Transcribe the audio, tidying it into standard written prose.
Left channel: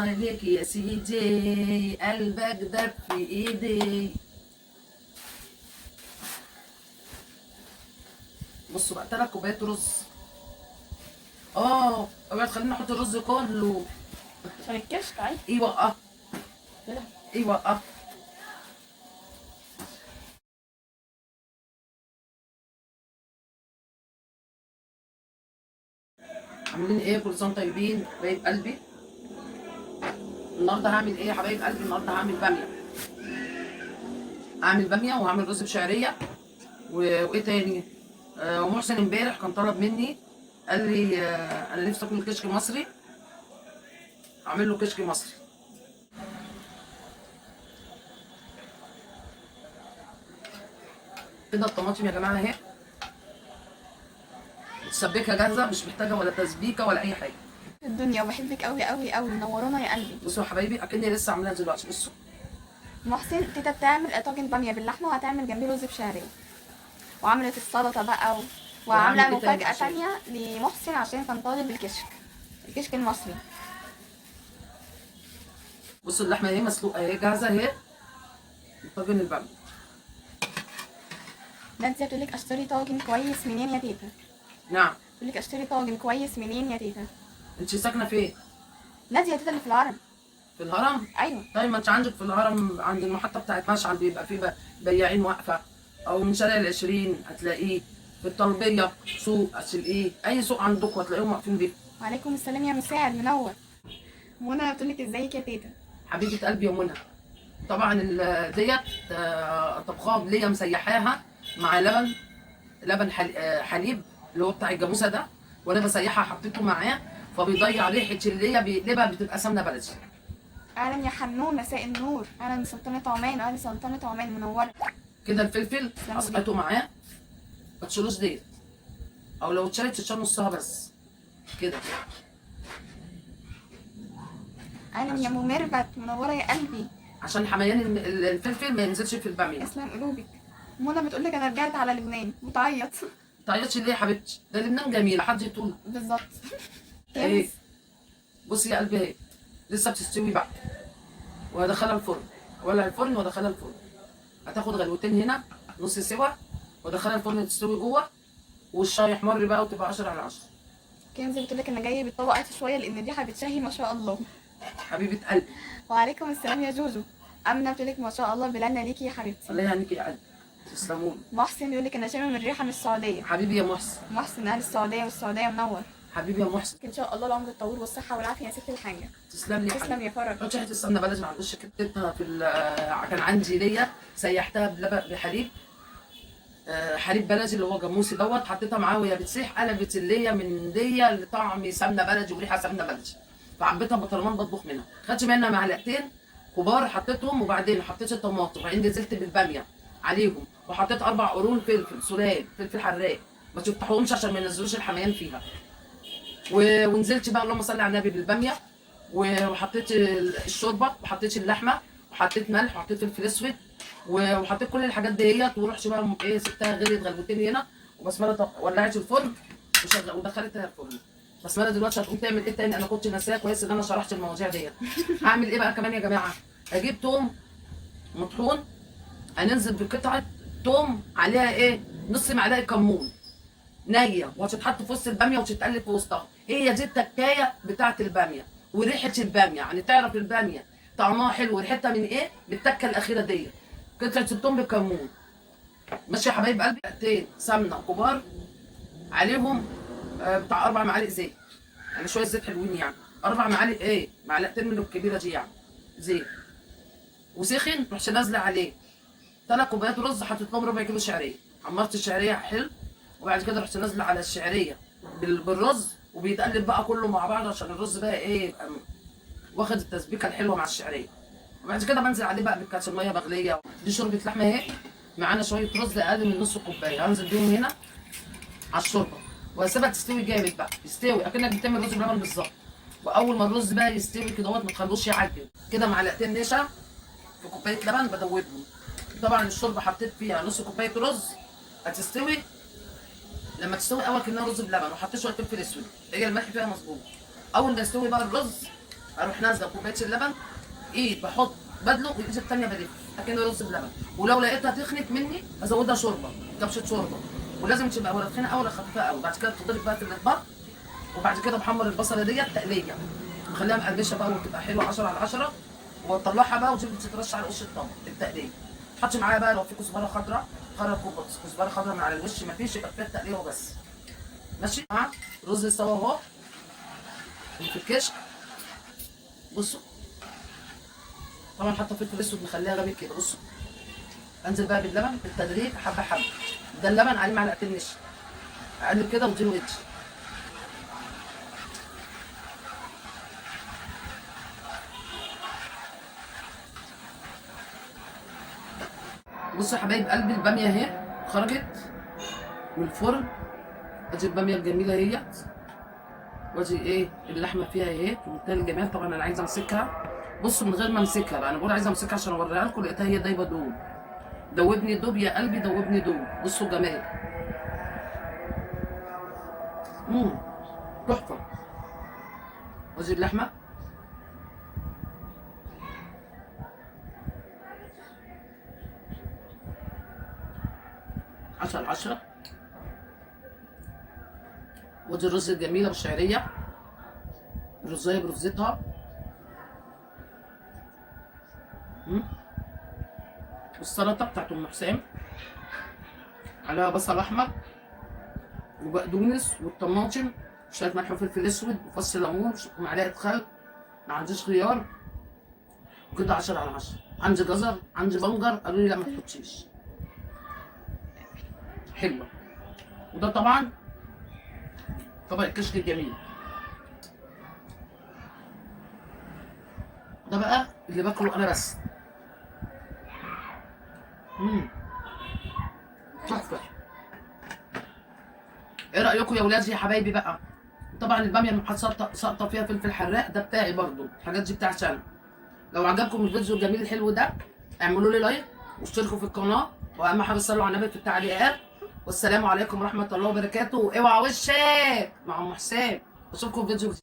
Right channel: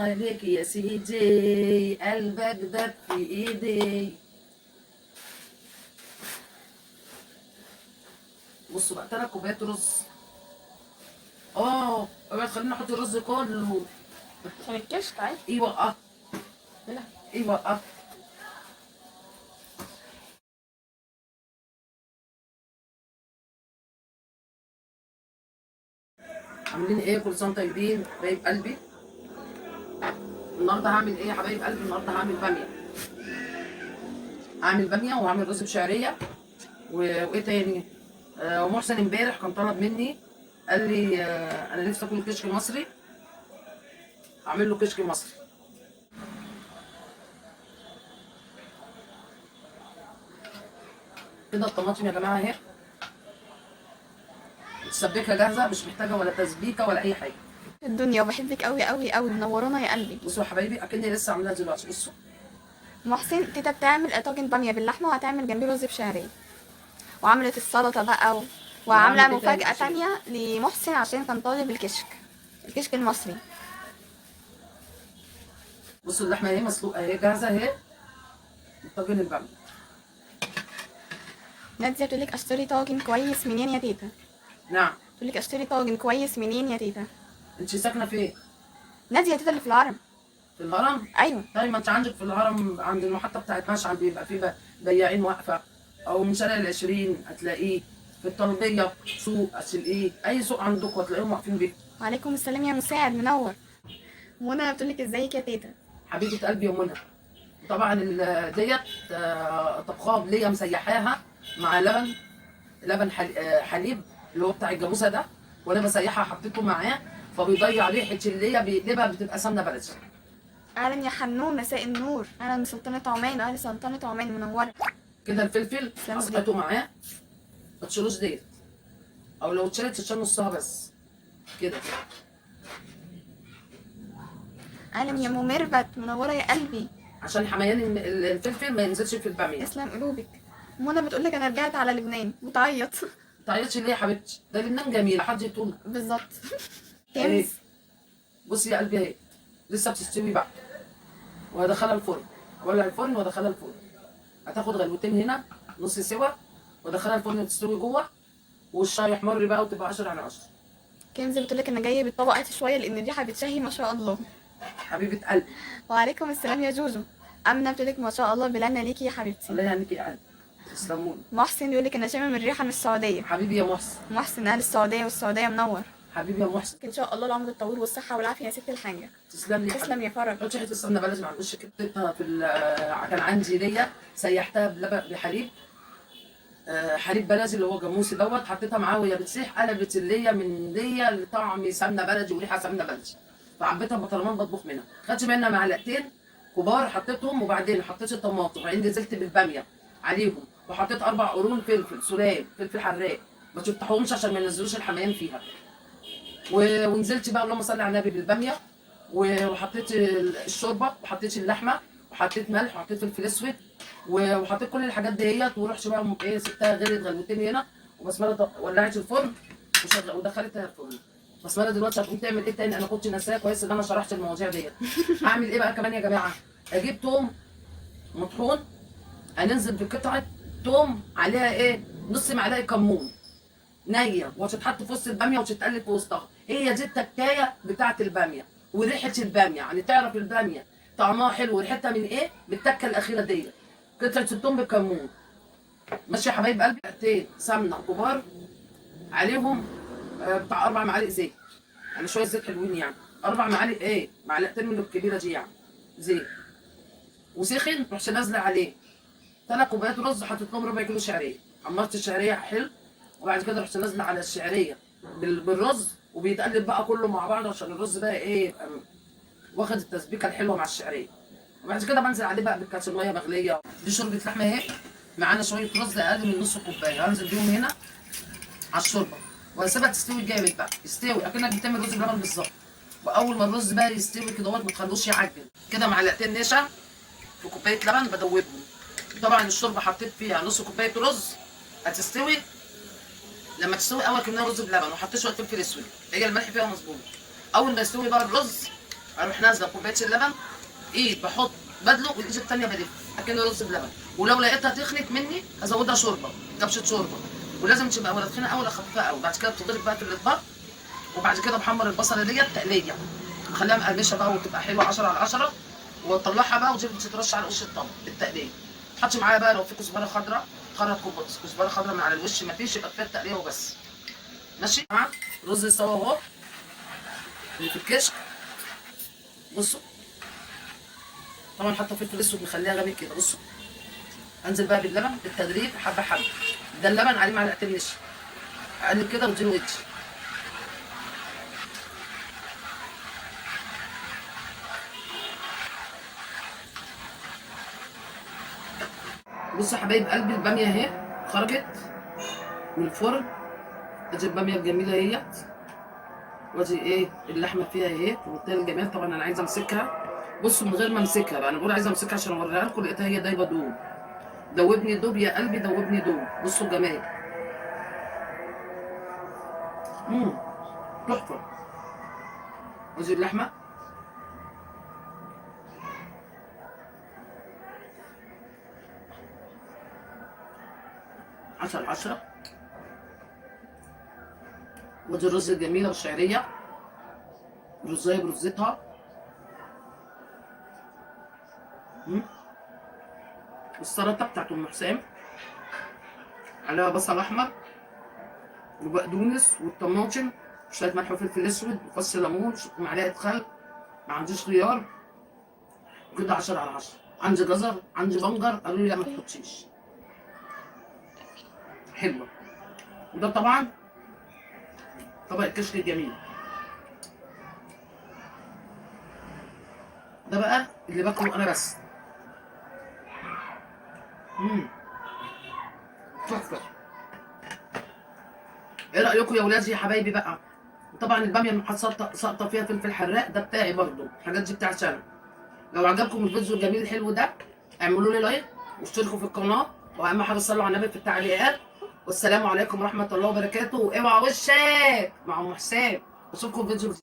عليك يا سيدي، قلبك دب في ايدي. بصوا بقى 3 كوبايات رز. اوعي تخليني احط الرز كله عشان الكشك عادي. ايوه لا ايوه. عاملين ايه؟ كل سنه وانتم طيبين حبايب قلبي. النهارده هعمل ايه يا حبايب قلبي؟ النهارده هعمل باميه. هعمل باميه وهعمل رز بشعريه وايه تاني؟ ومحسن امبارح كان طلب مني، قال لي انا نفسي اكل كشك مصري، اعمل له كشك مصري. كده الطماطم يا جماعه اهي متسبكه جاهزه، مش محتاجه ولا تسبيكه ولا اي حاجه. الدنيا، وبحبك قوي قوي قوي، منورانا يا قلبي. بصوا يا حبايبي اكني لسه عاملاها دلوقتي. بصوا محسن تيتا بتعمل طاجن باميه باللحمه، وهتعمل جنبيه رز بشعريه، وعملت السلطه بقى وعامله وهعمل إيه تاني مفاجاه عشان- تانية لمحسن عشان كان طالب الكشك المصري. بصوا اللحمه اهي مسلوقه اهي جاهزه اهي، طاجن الباميه. ناديه بتقول لك اشتري طاجن كويس منين يا تيتا؟ نعم. بتقول لك اشتري طاجن كويس منين يا تيتا؟ انت ساكنه فين؟ ناديه يا تيتا اللي في الهرم. في الهرم؟ ايوه. طيب ما انت عندك في الهرم عند المحطه بتاعت مشعل بيبقى فيه بياعين واقفه، او من شارع ال20 هتلاقيه، في الطلبيه سوق هتلاقيه، اي سوق عندكم هتلاقيهم واقفين بيه. وعليكم السلام يا مساعد منور. منى بتقول لك ازيك يا تيتا؟ حبيبه قلبي يا منى. طبعا ديت طبخها ليا مسيحاها مع لبن حليب اللي هو بتاع الجاموسه ده، وانا بسيحها حطيته معاه فبيضيع ريحه اللي بيقلبها بتبقى سمنه بلدي. اهلا يا حنون، مساء النور. اهلا من سلطنه عمان، اهلا سلطنه عمان منوره. كده الفلفل سلام اسقطه معاه، ما تشيلوش ديت، او لو اتشالت تتشال نصها بس كده. اهلا يا ام ميرفت منوره يا قلبي. عشان حميان الفلفل ما ينزلش في الباميه. اسلم قلوبك. منى بتقول لك انا رجعت على لبنان، بتعيط. تعيطش ليه يا حبيبتي؟ ده لبنان جميله، حد يطول. بالظبط. ايه كنز. بصي يا قلبي اهي لسه بتستوي بقى، وهدخلها الفرن، ولا الفرن وادخلها الفرن. هتاخد غلوتين هنا نص سوا، وادخلها الفرن تستوي جوه، والشاي يحمر بقى وتبقى 10 على 10. كنز بتقول لك انا جايه بالطبق شويه لان الريحه بتشهي ما شاء الله. حبيبه قلبي. وعليكم السلام يا جوجو. امنه بتقول لك ما شاء الله بلنا ليكي يا حبيبتي. الله يعنيك يا قلبي، تسلموني. محسن بيقول لك انا شامم الريحه من السعوديه. حبيبي يا محسن. محسن اهل السعوديه، والسعوديه منور. حبيبي يا محسن. ان شاء الله العمر الطويل والصحه والعافيه يا ست الحاجه. تسلم لي. تسلم يا فرج. حط حته السمنه بلدي، ما عندوش كتبتها في كان عندي ليا سيحتها بحليب، حليب بلدي اللي هو جاموسي دوت، حطيتها معاه وهي بتسيح قلبت اللي من دي لطعم سمنه بلدي وريحه سمنه بلدي، فحبيتها بطرمان بطبخ منها. خدت منها معلقتين كبار حطيتهم، وبعدين حطيت الطماطم، وبعدين نزلت بالباميه عليهم، وحطيت 4 قرون فلفل سلال، فلفل حراق، ما تفتحوهمش عشان ما ينزلوش الحميان فيها. ونزلت بقى اللهم صل على النبي بالباميه، وحطيت الشوربه، وحطيت اللحمه، وحطيت ملح، وحطيت فلفل اسود، وحطيت كل الحاجات ديت، ورحت بقى ايه سبتها غليت غلوتين هنا، وبسمله ولعت الفرن ودخلتها الفرن. بسمله دلوقتي هتقوم تعمل ايه تاني؟ انا كنت ناساها، كويس ان انا شرحت المواضيع ديت. هعمل ايه بقى كمان يا جماعه؟ اجيب توم مطحون، هننزل بقطعه توم عليها ايه نص معلقه كمون نيه، وهتتحط في وسط الباميه وتتقلب في وسطها. هي دي التكايه بتاعه الباميه وريحه الباميه، يعني تعرف الباميه طعمها حلو وريحتها من ايه؟ بالتكه الاخيره دي، قطعه الثوم بالكمون. ماشي يا حبايب قلبي. معلقتين سمنه كبار عليهم بتاع 4 معالق زيت، يعني شويه زيت حلوين، يعني 4 معالق ايه، معلقتين من الكبيره دي يعني زيت، وسخن رحت نازله عليه 3 كوبايات رز، حطيت لهم ربع كيلو شعريه، حمرت الشعريه حلو، وبعد كده رحت نازله على الشعريه بالرز، وبيتقلب بقى كله مع بعض عشان الرز بقى ايه يبقى واخد التسبيكه الحلوه مع الشعريه. وبعد كده بنزل عليه بقى بكاس ميه مغليه. دي شوربه لحمه اهي، معانا شويه رز اقل من نص كوبايه، هنزل بيهم هنا على الشوربه، وهسيبها تستوي جامد بقى، يستوي اكنك بتعمل رز بلبن بالظبط. واول ما الرز بقى يستوي كده ما تخلوش يعجن كده، معلقتين نشا في كوبايه لبن بدوبهم. طبعا الشوربه حطيت فيها نص كوبايه رز، هتستوي لما تستوي اول كميه رز بلبن، وحطيت شويه فلفل اسود، هي الملح فيها مظبوط. اول ما يستوي بقى الرز اروح نازله كوبايه اللبن، ايد بحط بدلق والايد التانيه بلف اكنه رز بلبن. ولو لقيتها تخنت مني ازودها شوربه، كبشه شوربه. ولازم تبقى ولا تخينه قوي ولا خفيفه قوي. بعد كده بتضرب بقى في الاطباق. وبعد كده بحمر البصله ديت تقليه، بخليها مقرمشه بقى وتبقى حلوه 10 على 10. واطلعها بقى وتبقى تترش على وش الطبق التقليه. حطي معايا بقى لو في كزبره خضراء، خرج كزبره خضراء من على الوش، ما فيش يبقى كفايه التقليه وبس. ماشي. رز استوى اهو اللي في الكشك. بصوا طبعا حاطه فلفل اسود مخليها غامق كده. بصوا انزل بقى باللبن بالتدريج حبه حبه. ده اللبن عليه معلقتين نشا، اقلب كده واديله وش. بصوا يا حبايب قلبي الباميه اهي خرجت من الفرن. ادي الباميه الجميله اهيت، وادي ايه اللحمه فيها اهي في منتهى الجمال. طبعا انا عايزه امسكها. بصوا من غير ما امسكها بقى، انا بقول عايزه امسكها عشان اوريها لكم. لقيتها هي دايبه دوب. دوبني دوب يا قلبي، دوبني دوب. بصوا جمال. تحفه. وادي اللحمه. عسل 10. وادي الرز الجميله والشعريه، الرزايه برزتها. والسلطه بتاعت ام حسام عليها بصل احمر وبقدونس والطماطم وشويه ملح وفلفل اسود وفص ليمون ومعلقه خل. ما عنديش خيار وكده 10 على 10. عندي جزر، عندي بنجر، قالوا لي لا ما تحطيش. حلوه. وده طبعا طبق الكشك الجميل. ده بقى اللي باكله انا بس. تحفه. ايه رايكم يا ولادي يا حبايبي بقى؟ طبعا الباميه اللي ساقطه فيها فلفل حراق ده بتاعي برضو، الحاجات دي بتاعتي انا. لو عجبكم الفيديو الجميل الحلو ده اعملوا لي لايك واشتركوا في القناه، واهم حاجه صلوا على النبي في التعليقات. والسلام عليكم ورحمه الله وبركاته. واوعى وشك مع ام حسام. اشوفكم في فيديو